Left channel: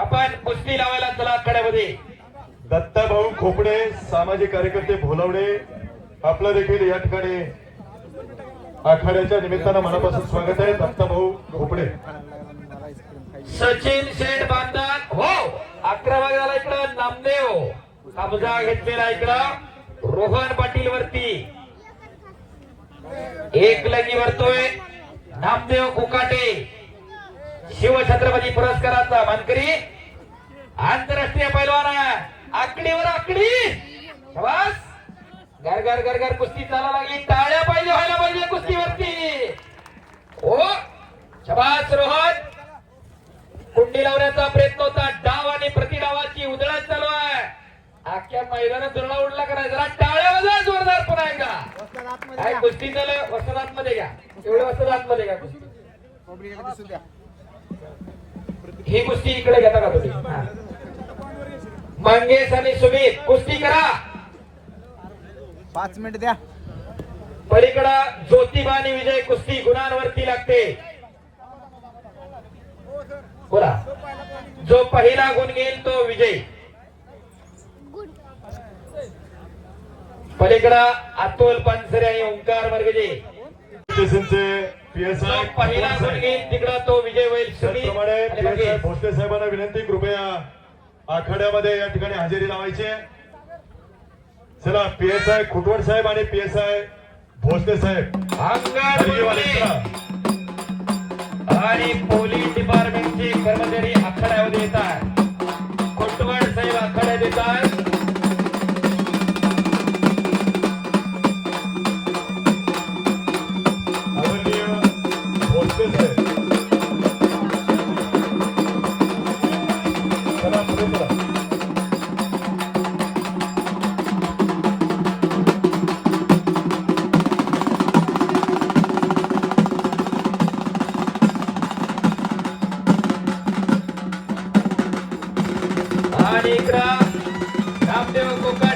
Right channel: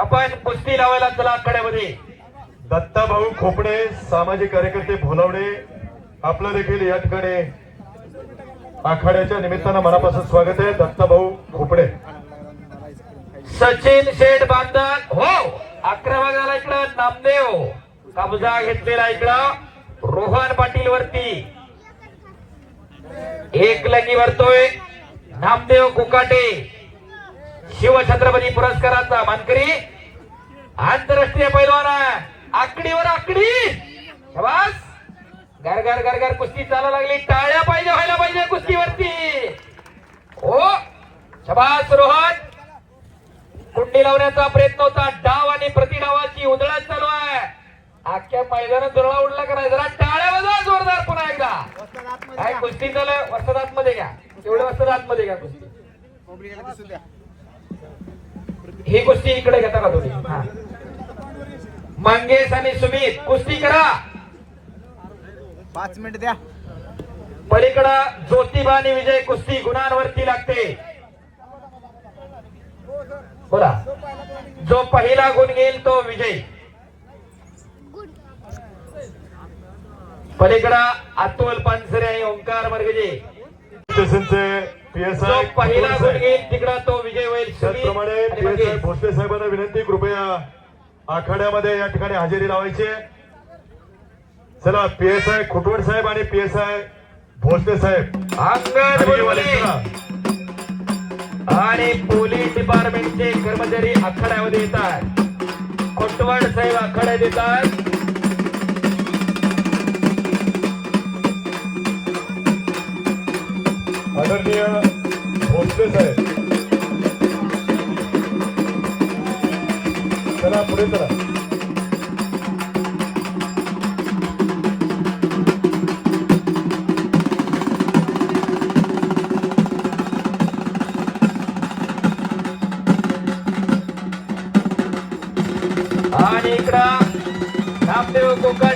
आपण कुस्ती लावायला चला आखाड्यामध्ये. दत्ताभाऊ खोपडे सामाजिक कार्यकर्ते भोलवडे आपलं देखील या ठिकाणी आखाड्याच्या निमित्तानं मनापासून स्वागत आहे. दत्ताभाऊ खोपडे. सचिन शेठ बांधन हो अकरा भागाला इकडं नामदेव. कब्जा घेतलेला इकडं. रोहन पाटील वरती. एक लगी वरतोय नामदेव कुकाटे. शिवछत्रपती पुरस्काराचा मानकरी आंतरराष्ट्रीय पैलवान. आकडीवर आकडी. शाबास. घर घर घर घर कुस्ती चाला लागली. टाळ्या पाहिजे व्हायला पाहिजे कुस्तीवरती. हो. शबास रोहन. कुंडी लावण्याचा प्रयत्न होता. डाव आणि प्रतिडावाची उधळण चालू आहे. अख्ख्या मैदानात जोराला उडला करायचा जरा टाळ्या वाजवा जोरदार पुन्हा एकदा. काय कुस्ती चालू वस्त्रात मध्ये घ्या. एवढं वस्त्रात मध्ये घ्या कुस्ती. ही कुस्ती इकडे घेता का तुम्ही. मंगेश आणि सुमित कुस्ती करा. पाच मिनिट द्या. पलीकडं ज्योतिबा आणि विजय कुस्ती गुणांवरती लागते. बोला. जो पहिला गुण घेईल तो विजय. पलीकडं अतुल पानसरे आणि ओंकार मर्गजे. जो पहिला गुण घेईल तिकडा तो विजय होईल त्याचप्रमाणे. भोसले साहेबांना विनंती कृपया आखाड्यामध्ये या ठिकाणी हजेरी लावायची. चला पी एस आय खुटवड साहेब आणि पी एस आय भोसले साहेब. आणि पोलीस डिपार्टमेंटचे कर्मचारी आखाड्यामध्ये येतात. कोटवाड साहेब आखाड्यात येतात चला पुढे चला आणि इकडं नामदेव कोका